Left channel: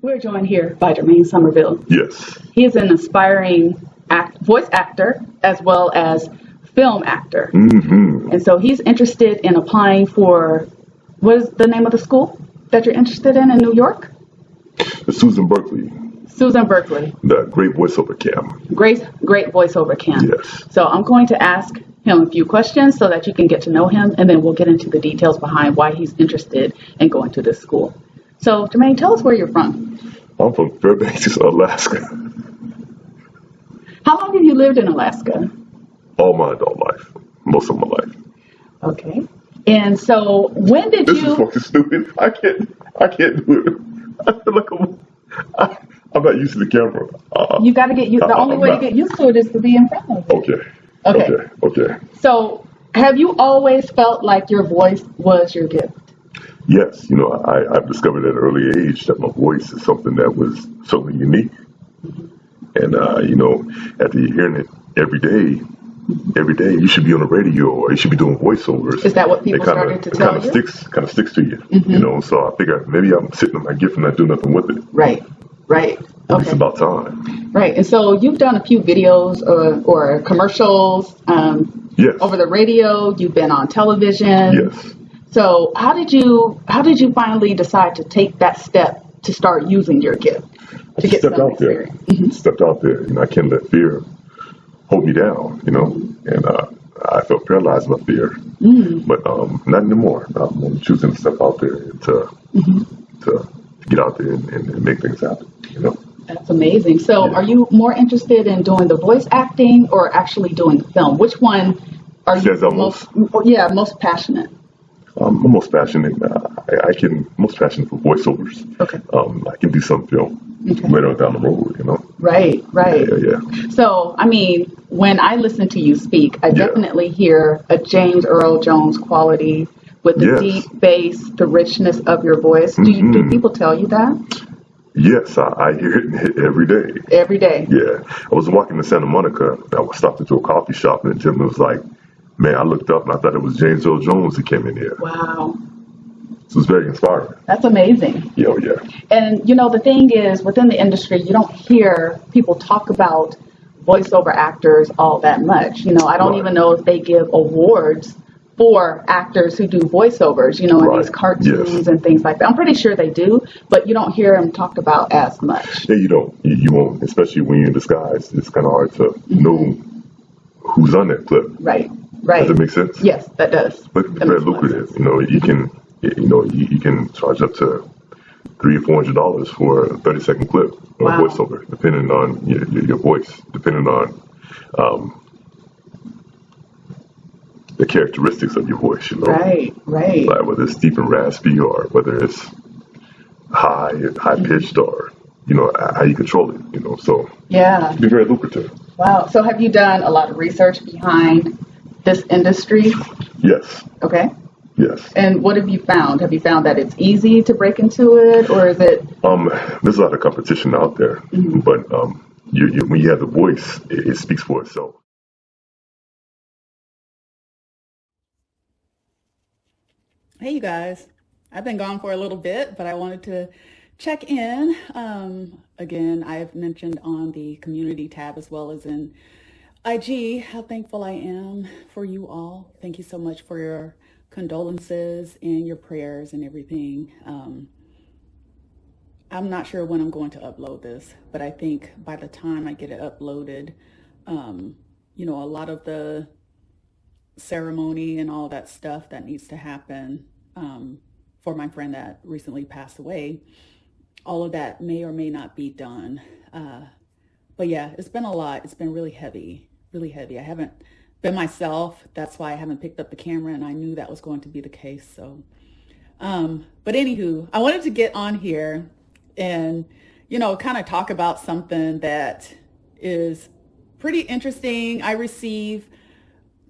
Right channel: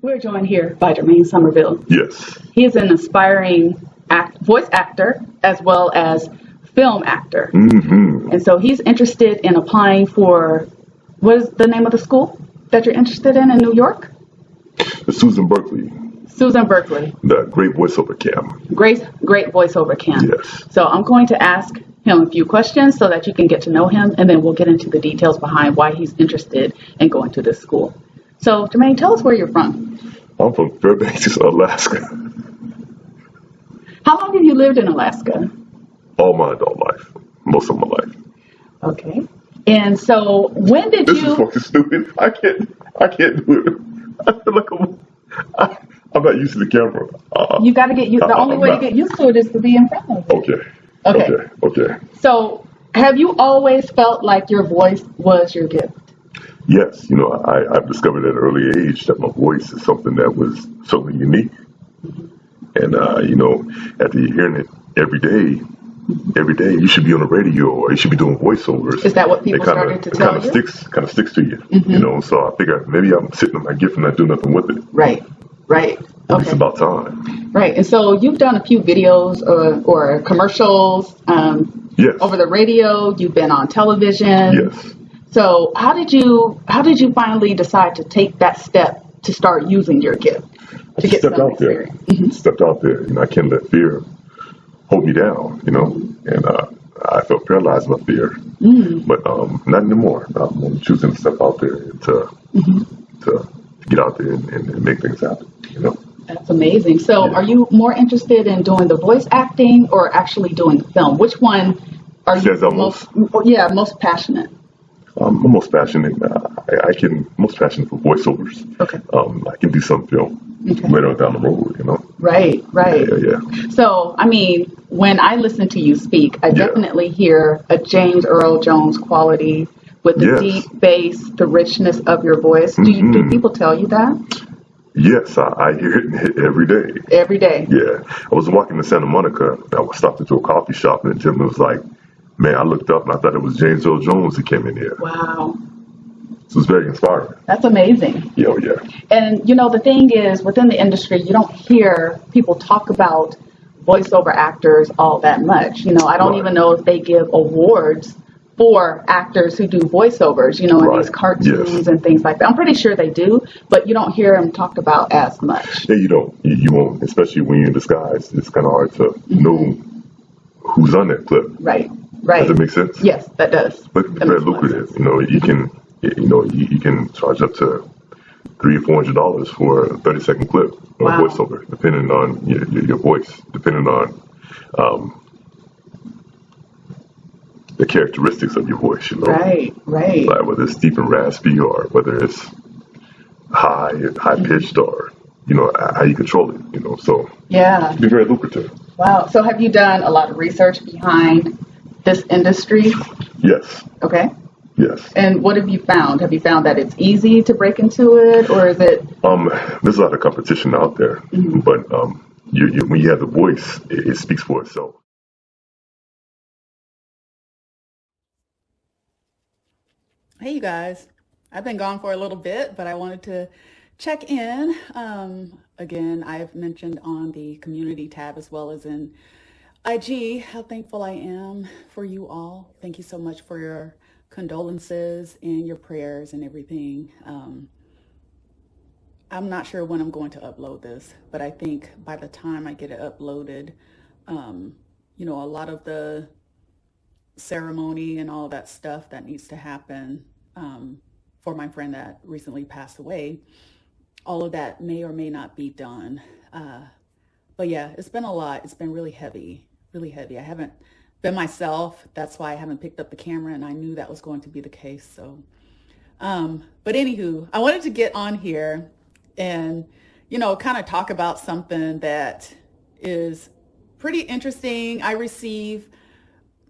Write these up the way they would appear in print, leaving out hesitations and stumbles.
We're joined here by Jermaine Somerville. Yes. He is an aspiring voice actor as well as film actor. Mm-hmm. And so he's interested in applying for, what is the name of the school that you're interested in New York? Susan Berkeley, Susan Berkeley. the great voiceover camp. Great voiceover camp. Yes. So I'm going to ask him a few questions so that you can get to know him, and then we'll get into the details behind why he's interested in going to this school. So, Jermaine, tell us where you're from. I'm from Fairbanks, Alaska. How long have you lived in Alaska? All my adult life. Most of my life. Okay. And so, when did This you... is fucking stupid. I can't do it. I feel like I'm not used to the camera. You got to get used. The only way to get used to it is to be in front of it. Okay. So, have you always felt like your voice was your gift? Yes, I've discovered at an early age that my voice is something that was certainly unique. And, after hearing it every day, you should be on the radio or you should be doing voiceovers. Is that what people started to tell you? It kind of sticks to you, So I figure maybe I'm sitting on my gift and not doing nothing with it. Right. Okay. It's about time. Right. And so you've done a few videos or commercials Yes. over the radio. You've been on television. Yes. So how did you finally decide to take that step to start using your gift to get Stepped some out there. experience? Stepped out there. I can't let fear hold me down, and I felt paralyzed by fear. But not anymore. I'm choosing to step out there to get out there and make things happen, That's amazing. So Yeah. are you more interested in doing the voice acting or actually doing the film? Which one are you Says I'm most- most passionate? I'm most passionate. Most passionate for voiceovers. Okay. I can do some film later on down the road, Right. Yeah. So, I mean, when I listen to you speak, I Yeah. definitely hear a James Earl Jones quality with the Yes. deep bass, the richness of your voice. Do people tell you that? Yes, I hear it every day. Every day? Yeah. I was walking to Santa Monica. I stopped into a coffee shop and the gentleman was like, man, I looked up and I thought it was James Earl Jones that came in here. Wow. So it was very inspiring. That's amazing. Yeah. And, the thing is, within the industry, you don't hear people talk about voiceover actors all that much. I don't Right. even know if they give awards for actors who do voiceovers, in Right. these cartoons Yes. and things like that. I'm pretty sure they do, but you don't hear them talked about as much. Yeah, you don't. You won't, especially when you're in disguise. It's kind of hard to know who's on that clip. Right. Does that make sense? Yes, that does. But it's That very makes a lot of sense. lucrative. You can charge up to $300 or $400 for a 30-second clip or Wow. voiceover, depending on your voice, depending on the characteristics of your voice. Right. Like whether it's deep and raspy or whether it's high pitched or how you control it. So Yeah. it can be very lucrative. Wow. So have you done a lot of research behind this industry? Yes. Okay. Yes. And what have you found? Have you found that it's easy to break into it, or is it? There's a lot of competition out there, but when you have the voice, it speaks for itself. Hey, you guys. I've been gone for a little bit, but I wanted to check in. Again, I've mentioned on the community tab as well as in IG how thankful I am for you all. Thank you so much for your condolences and your prayers and everything. I'm not sure when I'm going to upload this, but I think by the time I get it uploaded, a lot of the ceremony and all that stuff that needs to happen for my friend that recently passed away, all of that may or may not be done. But yeah, it's been a lot. It's been really heavy. I haven't been myself. That's why I haven't picked up the camera, and I knew that was going to be the case. So, but anywho, I wanted to get on here and, kind of talk about something that is pretty interesting. I receive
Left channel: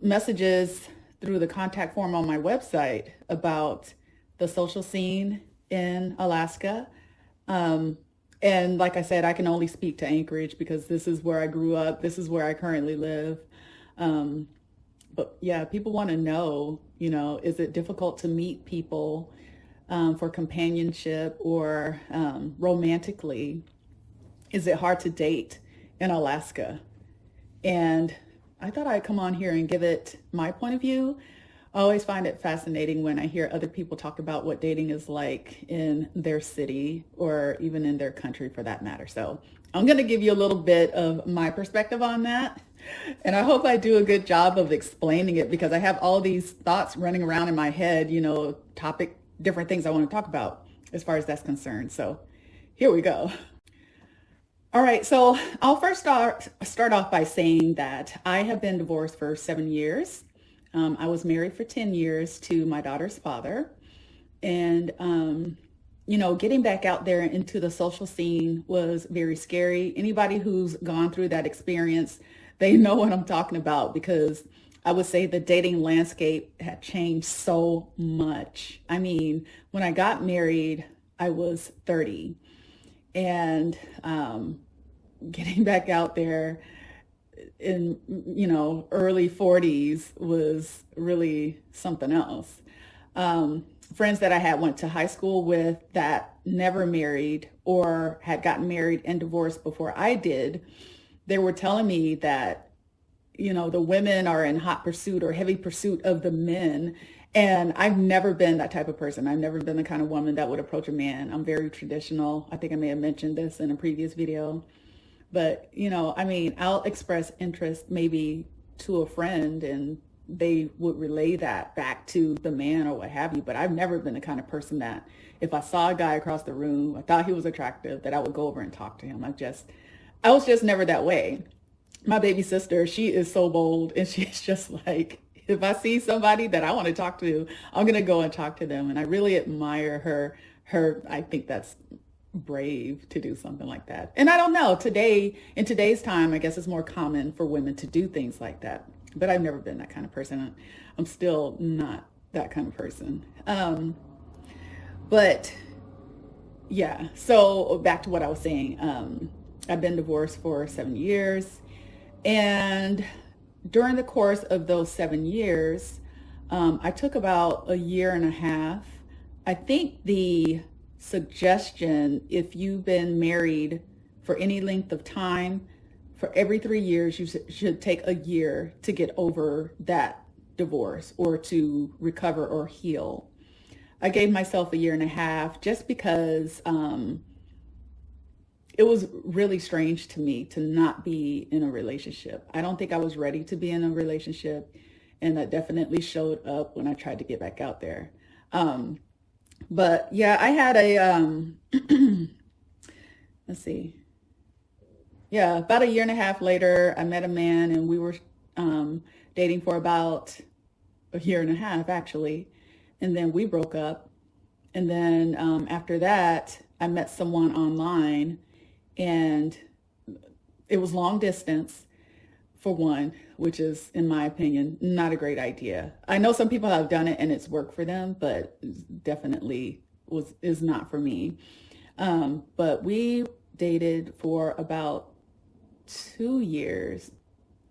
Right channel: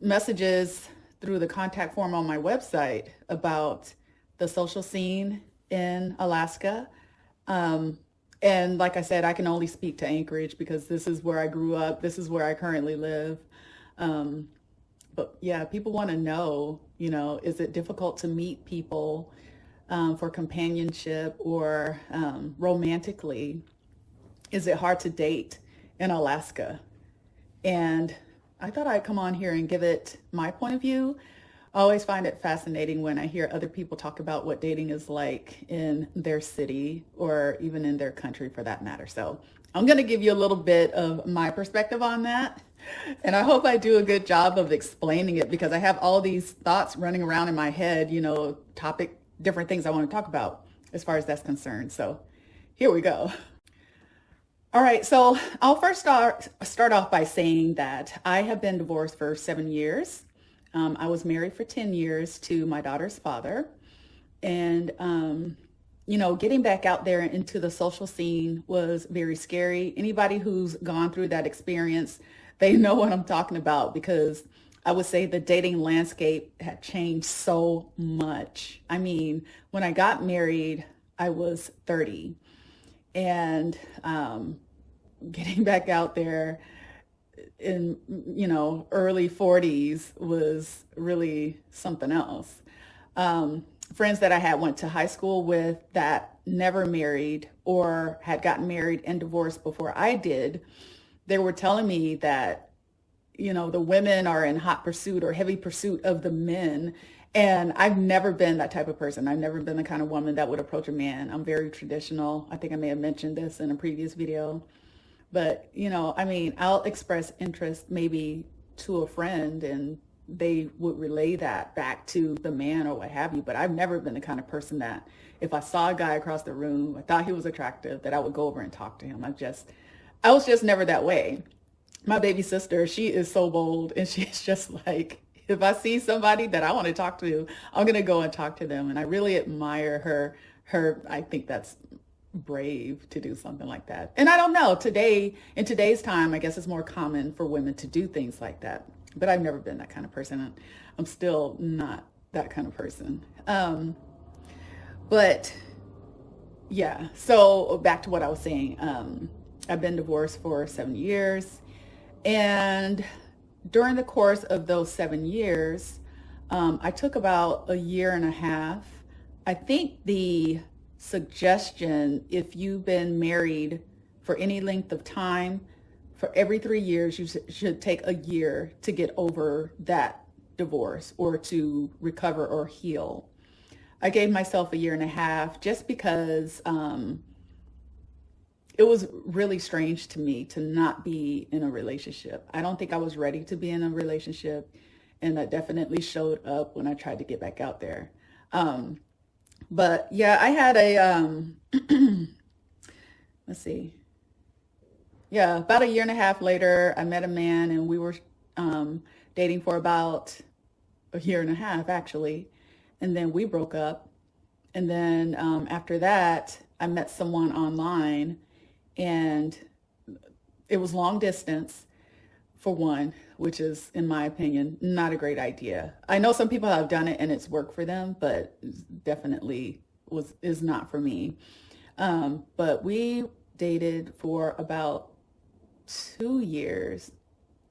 messages through the contact form on my website about the social scene in Alaska. And like I said, I can only speak to Anchorage because this is where I grew up. This is where I currently live. But yeah, people want to know, is it difficult to meet people for companionship or romantically, is it hard to date in Alaska? And I thought I'd come on here and give it my point of view. I always find it fascinating when I hear other people talk about what dating is like in their city or even in their country for that matter. So I'm going to give you a little bit of my perspective on that. And I hope I do a good job of explaining it because I have all these thoughts running around in my head, different things I want to talk about as far as that's concerned. So here we go. All right, so I'll first start off by saying that I have been divorced for 7 years. I was married for 10 years to my daughter's father. And, getting back out there into the social scene was very scary. Anybody who's gone through that experience, they know what I'm talking about because I would say the dating landscape had changed so much. I mean, when I got married, I was 30. And getting back out there in, early 40s was really something else. Friends that I had went to high school with that never married or had gotten married and divorced before I did, they were telling me that, the women are in hot pursuit or heavy pursuit of the men. And I've never been that type of person. I've never been the kind of woman that would approach a man. I'm very traditional. I think I may have mentioned this in a previous video. But, I'll express interest maybe to a friend and they would relay that back to the man or what have you. But I've never been the kind of person that if I saw a guy across the room, I thought he was attractive, that I would go over and talk to him. I was just never that way. My baby sister, she is so bold and she's just like, if I see somebody that I want to talk to, I'm going to go and talk to them. And I really admire her. I think that's brave to do something like that. And I don't know, in today's time, I guess it's more common for women to do things like that. But I've never been that kind of person. I'm still not that kind of person. But yeah, so back to what I was saying. I've been divorced for 7 years. And during the course of those 7 years, I took about a year and a half. I think the suggestion, if you've been married for any length of time, for every 3 years, you should take a year to get over that divorce or to recover or heal. I gave myself a year and a half just because it was really strange to me to not be in a relationship. I don't think I was ready to be in a relationship, and that definitely showed up when I tried to get back out there. But yeah, I had let's see. Yeah, about a year and a half later, I met a man and we were dating for about a year and a half actually. And then we broke up. And then after that, I met someone online and it was long distance for one, which is, in my opinion, not a great idea. I know some people have done it and it's worked for them, but definitely is not for me. But we dated for about 2 years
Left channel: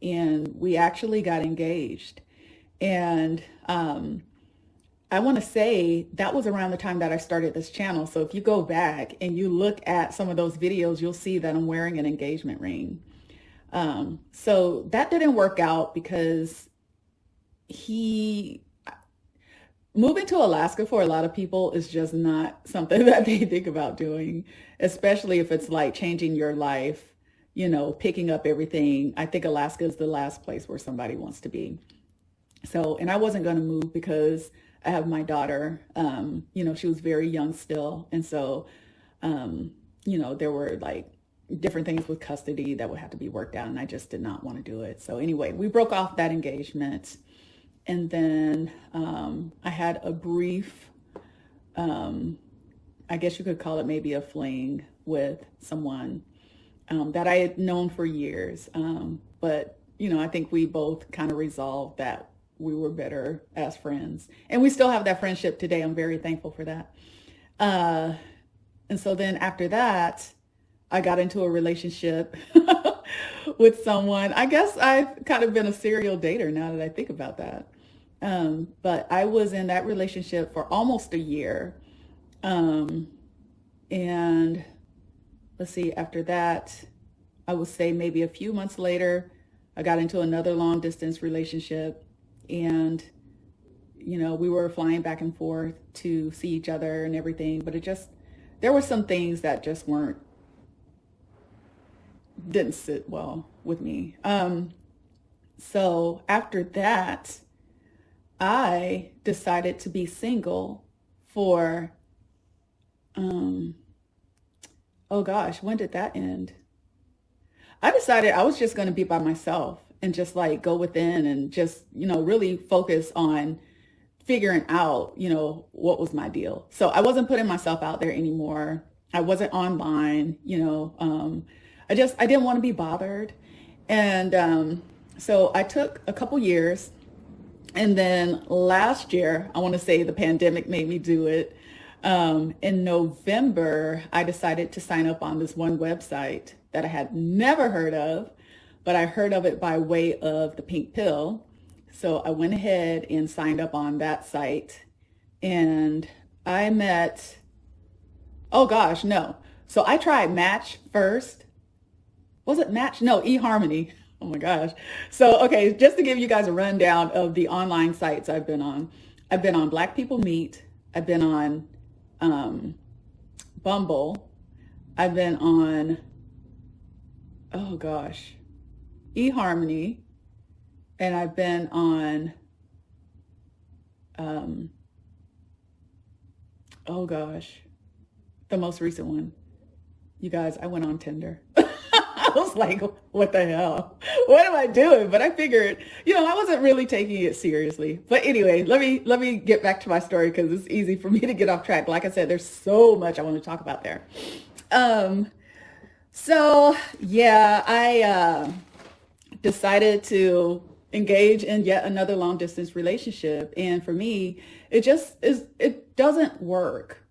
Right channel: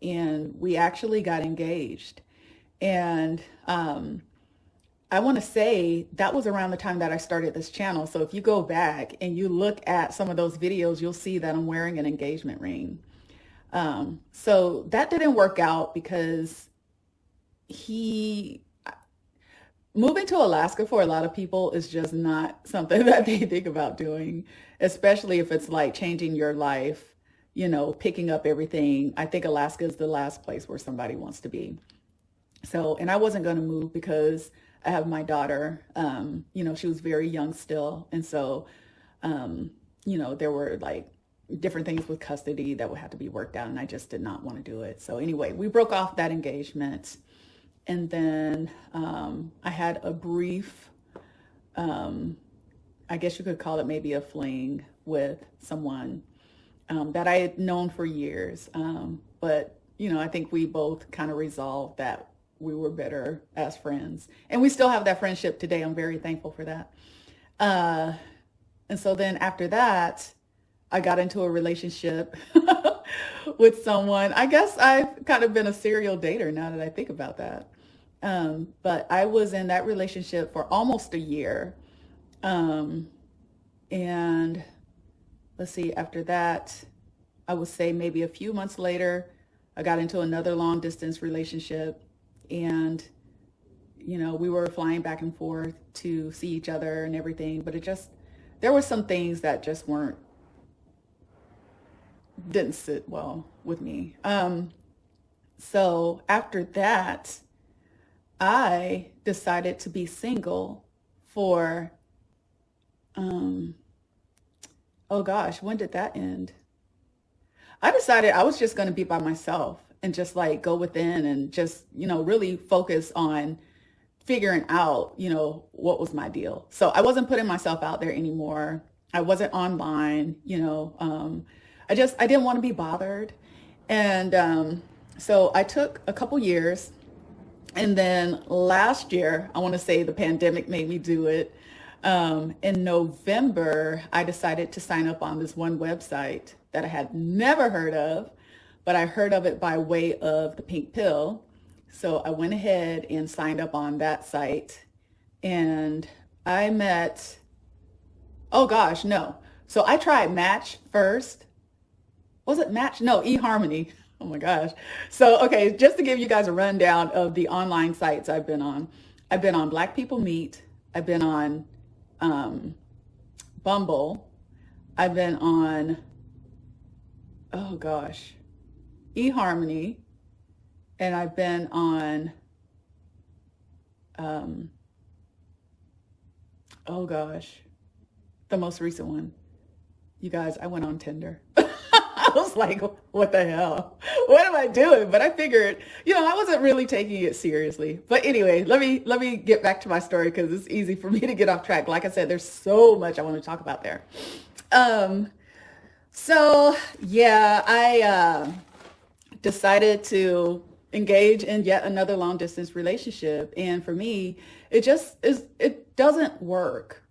and we actually got engaged. And I want to say that was around the time that I started this channel. So if you go back and you look at some of those videos, you'll see that I'm wearing an engagement ring. So that didn't work out because moving to Alaska for a lot of people is just not something that they think about doing, especially if it's like changing your life, picking up everything. I think Alaska is the last place where somebody wants to be. So, and I wasn't going to move because I have my daughter, she was very young still. And so, there were like different things with custody that would have to be worked out. And I just did not want to do it. So anyway, we broke off that engagement. And then I had a brief, I guess you could call it maybe a fling with someone that I had known for years. But, I think we both kind of resolved that we were better as friends. And we still have that friendship today. I'm very thankful for that. And so then after that, I got into a relationship with someone. I guess I've kind of been a serial dater now that I think about that. But I was in that relationship for almost a year. Um, and let's see, after that, I would say maybe a few months later, I got into another long distance relationship. And, we were flying back and forth to see each other and everything. But there were some things that just didn't sit well with me. So after that, I decided to be single for, um, oh gosh, when did that end? I decided I was just going to be by myself and just like go within and just, really focus on figuring out, what was my deal. So I wasn't putting myself out there anymore. I wasn't online, I didn't want to be bothered. And so I took a couple years. And then last year, I want to say the pandemic made me do it. In November, I decided to sign up on this one website that I had never heard of, but I heard of it by way of the pink pill. So I went ahead and signed up on that site, and I met, oh gosh, no. So I tried Match first. Was it Match? No, eHarmony. Oh my gosh. So, okay, just to give you guys a rundown of the online sites I've been on. I've been on Black People Meet. I've been on Bumble. I've been on, oh gosh, eHarmony. And I've been on, oh gosh, the most recent one. You guys, I went on Tinder. I was like, what the hell? What am I doing? But I figured, I wasn't really taking it seriously. But anyway, let me get back to my story because it's easy for me to get off track. Like I said, there's so much I want to talk about there. So yeah, I decided to engage in yet another long distance relationship. And for me, it doesn't work.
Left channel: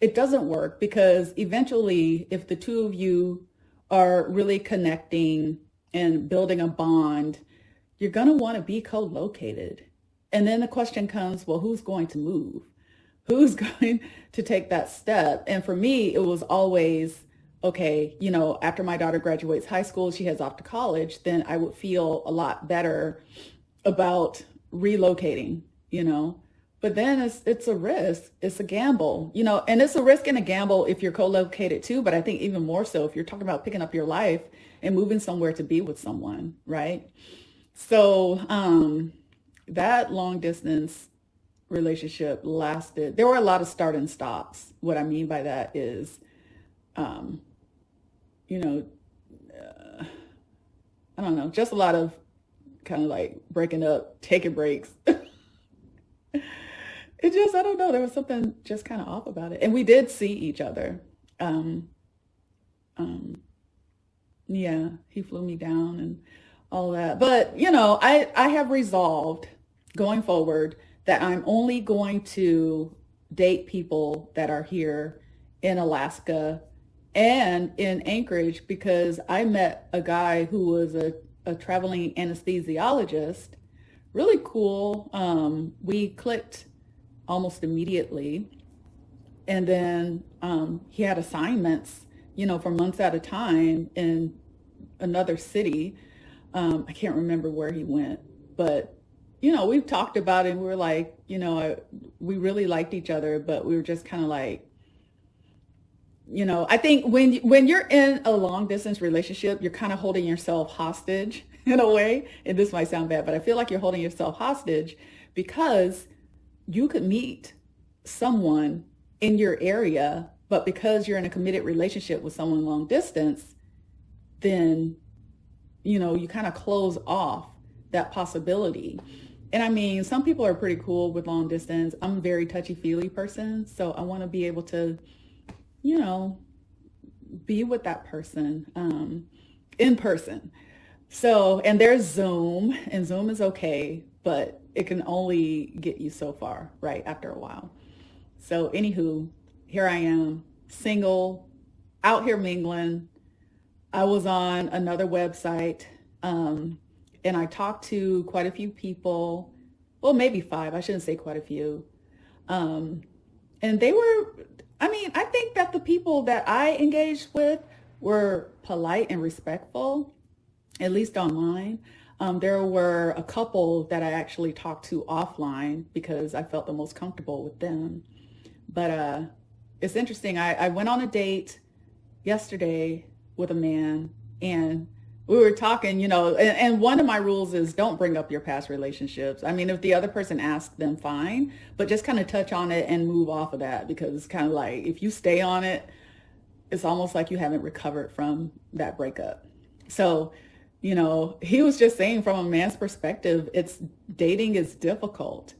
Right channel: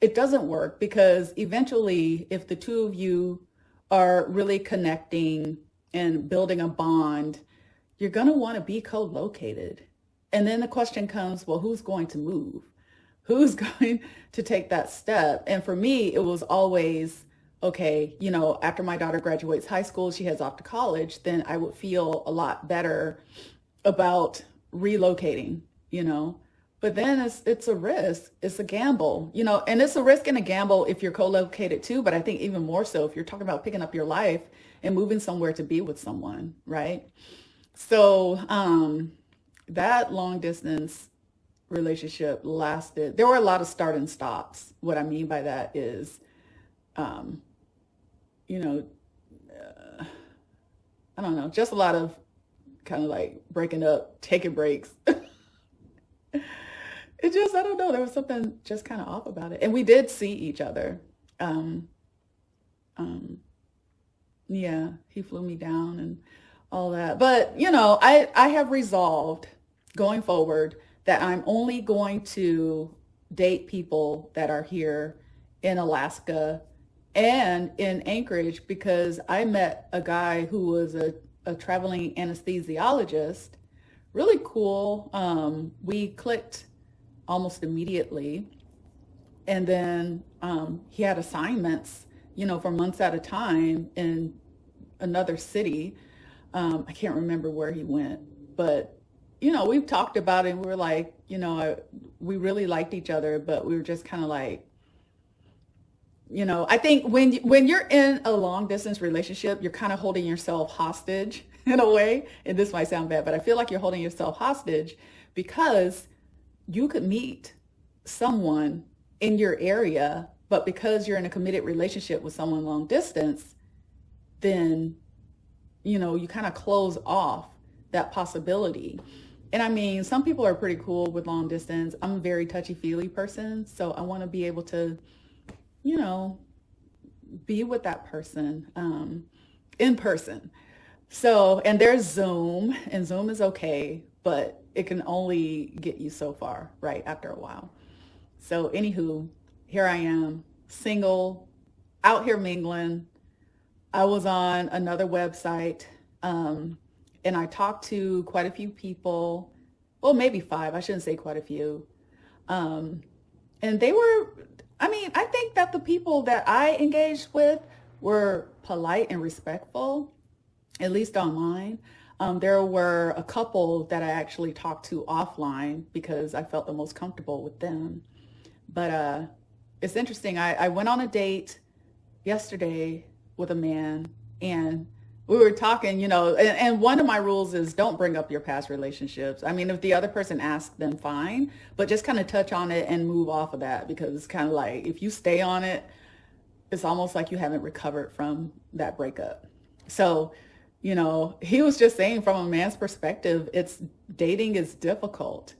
It doesn't work because eventually, if the two of you are really connecting and building a bond, you're going to want to be co-located. And then the question comes, well, who's going to move? Who's going to take that step? And for me, it was always, okay, after my daughter graduates high school, she heads off to college, then I would feel a lot better about relocating, But then it's a risk. It's a gamble, and it's a risk and a gamble if you're co-located too. But I think even more so if you're talking about picking up your life and moving somewhere to be with someone, right? So that long distance relationship lasted. There were a lot of start and stops. What I mean by that is, you know, I don't know, just a lot of kind of like breaking up, taking breaks. I don't know, there was something just kind of off about it. And we did see each other. Um, um, yeah, he flew me down and all that. But, I have resolved going forward that I'm only going to date people that are here in Alaska and in Anchorage because I met a guy who was a traveling anesthesiologist. Really cool. We clicked almost immediately. And then he had assignments, for months at a time in another city. I can't remember where he went, but, we've talked about it. And we were like, we really liked each other, but we were just kind of like, I think when you're in a long distance relationship, you're kind of holding yourself hostage in a way. And this might sound bad, but I feel like you're holding yourself hostage because you could meet someone in your area, but because you're in a committed relationship with someone long distance, then, you kind of close off that possibility. And I mean, some people are pretty cool with long distance. I'm a very touchy-feely person, so I want to be able to, be with that person in person. So, and there's Zoom, and Zoom is okay, but it can only get you so far, right, after a while. So, anywho, here I am, single, out here mingling. I was on another website, and I talked to quite a few people. Well, maybe 5. I shouldn't say quite a few. And they were, I mean, I think that the people that I engaged with were polite and respectful, at least online. There were a couple that I actually talked to offline because I felt the most comfortable with them. But it's interesting. I went on a date yesterday with a man, and we were talking, and one of my rules is don't bring up your past relationships. I mean, if the other person asks, then fine, but just kind of touch on it and move off of that, because it's kind of like if you stay on it, it's almost like you haven't recovered from that breakup. So, he was just saying from a man's perspective, dating is difficult.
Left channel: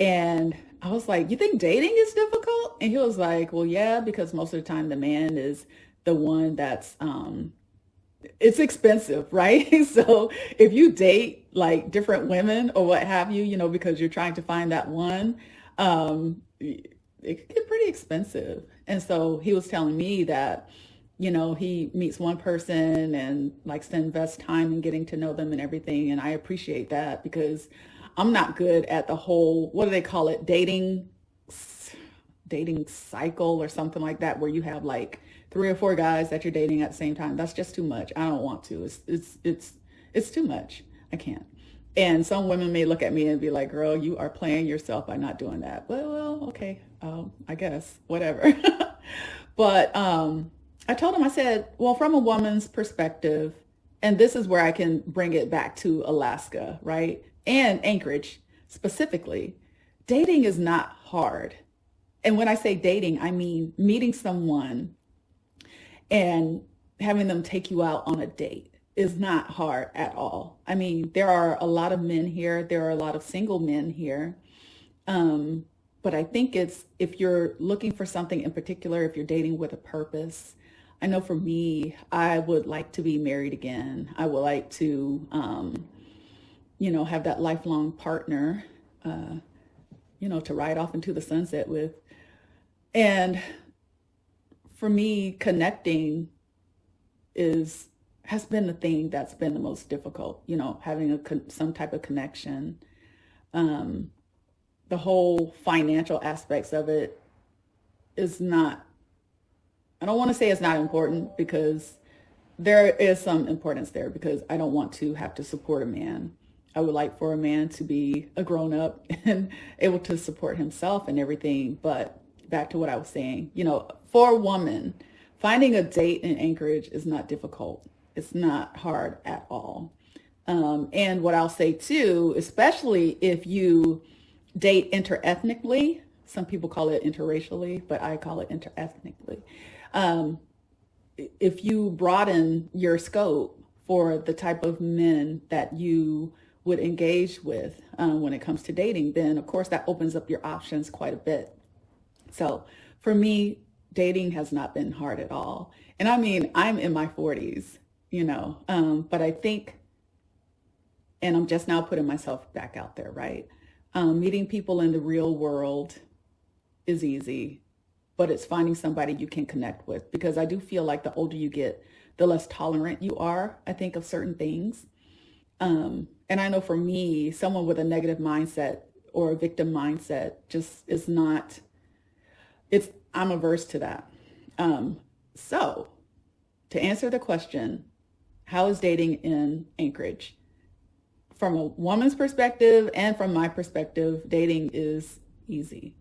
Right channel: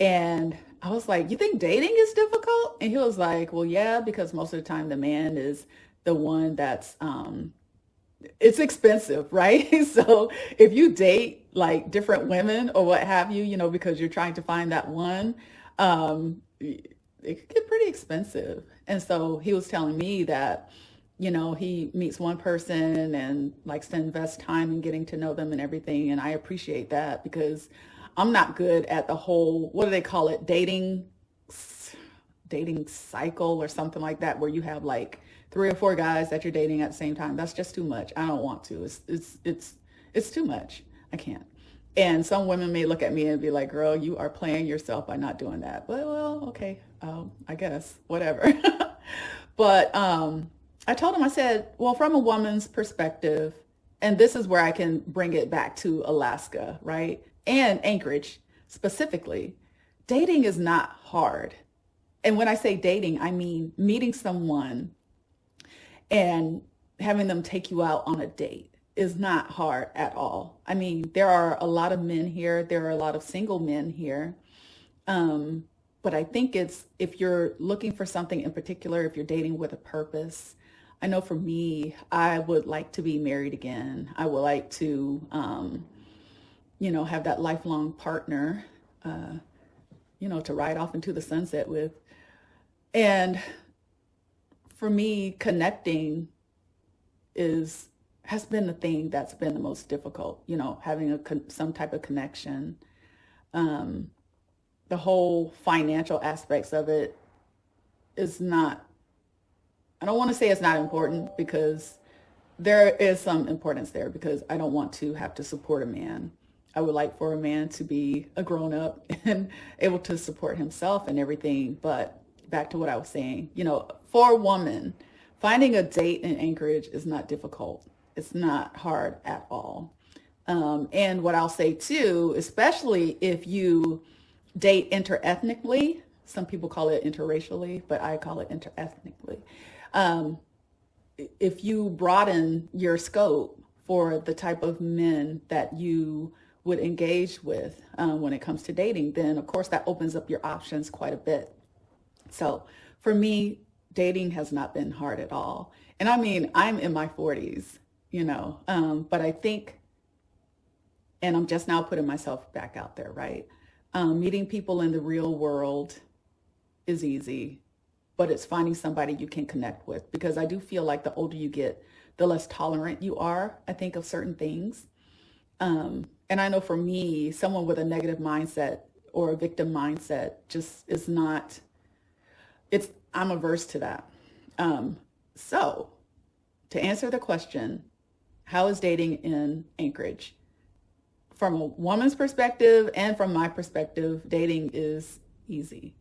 And I was like, you think dating is difficult? And he was like, well, yeah, because most of the time the man is the one that's, it's expensive, right? So if you date like different women or what have you, because you're trying to find that one, it could get pretty expensive. And so he was telling me that, he meets one person and likes to invest time in getting to know them and everything. And I appreciate that because I'm not good at the whole, what do they call it? Dating cycle or something like that, where you have like 3 or 4 guys that you're dating at the same time. That's just too much. I don't want to. It's too much. I can't. And some women may look at me and be like, girl, you are playing yourself by not doing that. Well, okay. I guess, whatever. But I told him, I said, well, from a woman's perspective, and this is where I can bring it back to Alaska, right? And Anchorage specifically, dating is not hard. And when I say dating, I mean meeting someone and having them take you out on a date is not hard at all. I mean, there are a lot of men here. There are a lot of single men here. But I think if you're looking for something in particular, if you're dating with a purpose, I know for me, I would like to be married again. I would like to, have that lifelong partner, to ride off into the sunset with. And for me, connecting has been the thing that's been the most difficult, having some type of connection. The whole financial aspects of it is not, I don't want to say it's not important, because there is some importance there, because I don't want to have to support a man. I would like for a man to be a grown up and able to support himself and everything. But back to what I was saying, for a woman, finding a date in Anchorage is not difficult. It's not hard at all. And what I'll say too, especially if you date interethnically, some people call it interracially, but I call it interethnically. If you broaden your scope for the type of men that you would engage with when it comes to dating, then of course that opens up your options quite a bit. So for me, dating has not been hard at all. And I mean, I'm in my 40s, but I think, and I'm just now putting myself back out there, right? Meeting people in the real world is easy, but it's finding somebody you can connect with, because I do feel like the older you get, the less tolerant you are, I think, of certain things. And I know for me, someone with a negative mindset or a victim mindset just is not, I'm averse to that. So to answer the question, how is dating in Anchorage? From a woman's perspective and from my perspective, dating is easy.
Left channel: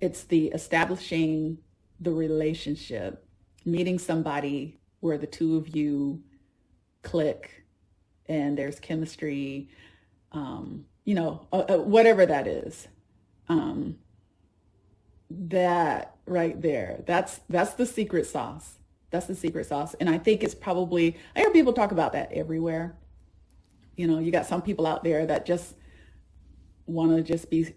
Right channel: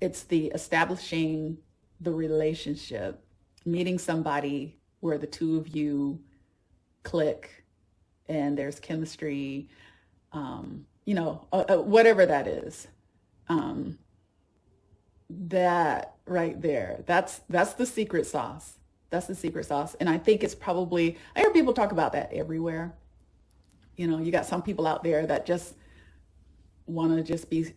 It's the establishing the relationship, meeting somebody where the two of you click and there's chemistry, whatever that is. That right there, that's the secret sauce. That's the secret sauce. And I think it's probably, I hear people talk about that everywhere. You got some people out there that just want to just be,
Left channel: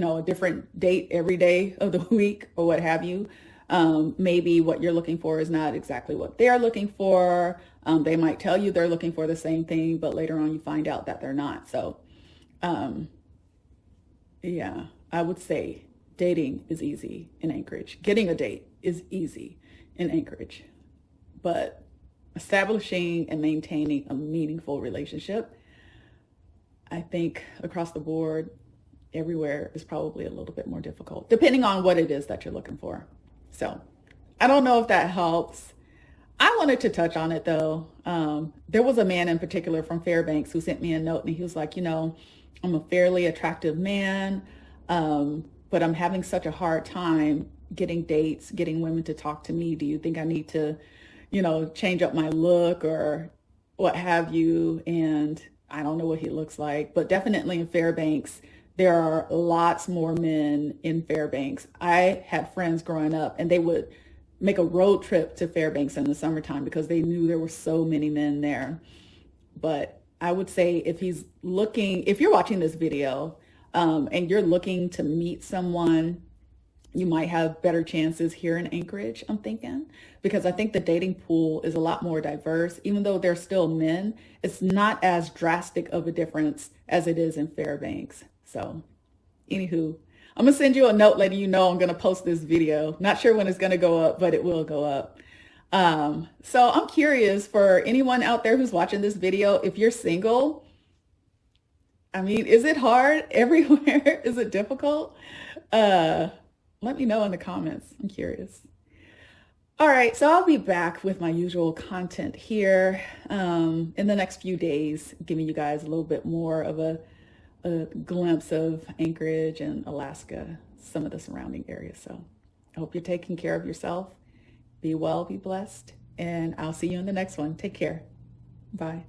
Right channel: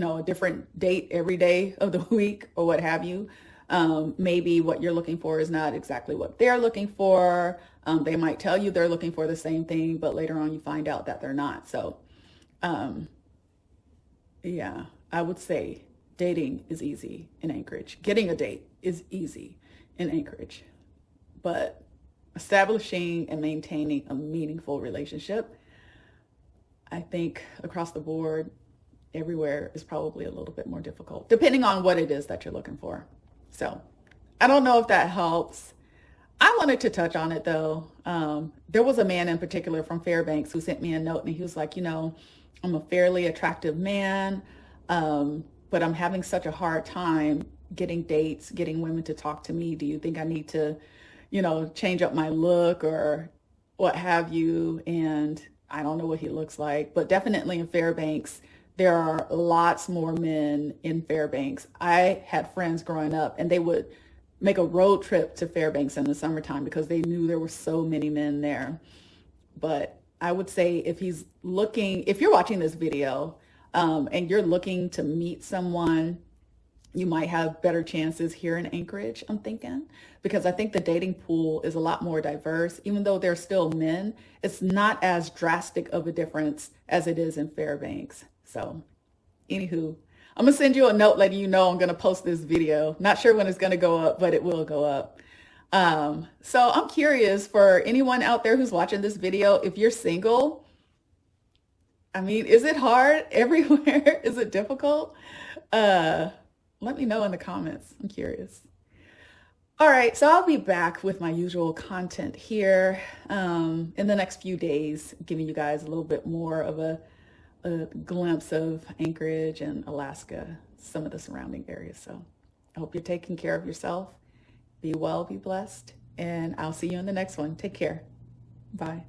a different date every day of the week or what have you. Maybe what you're looking for is not exactly what they're looking for. They might tell you they're looking for the same thing, but later on you find out that they're not. So, yeah, I would say dating is easy in Anchorage. Getting a date is easy in Anchorage. But establishing and maintaining a meaningful relationship, I think across the board, everywhere is probably a little bit more difficult, depending on what it is that you're looking for. So I don't know if that helps. I wanted to touch on it though. There was a man in particular from Fairbanks who sent me a note, and he was like, I'm a fairly attractive man, but I'm having such a hard time getting dates, getting women to talk to me. Do you think I need to, change up my look or what have you? And I don't know what he looks like, but definitely in Fairbanks, there are lots more men in Fairbanks. I had friends growing up, and they would make a road trip to Fairbanks in the summertime because they knew there were so many men there. But I would say if you're watching this video and you're looking to meet someone, you might have better chances here in Anchorage, I'm thinking, because I think the dating pool is a lot more diverse. Even though they're still men, it's not as drastic of a difference as it is in Fairbanks. So anywho, I'm going to send you a note letting you know I'm going to post this video. Not sure when it's going to go up, but it will go up. So I'm curious for anyone out there who's watching this video, if you're single, I mean, is it hard everywhere? Is it difficult? Let me know in the comments. I'm curious. All right, so I'll be back with my usual content here in the next few days, giving you guys a little bit more of a glimpse of Anchorage and Alaska, some of the surrounding areas. So I hope you're taking care of yourself. Be well, be blessed, and I'll see you in the next one. Take care. Bye.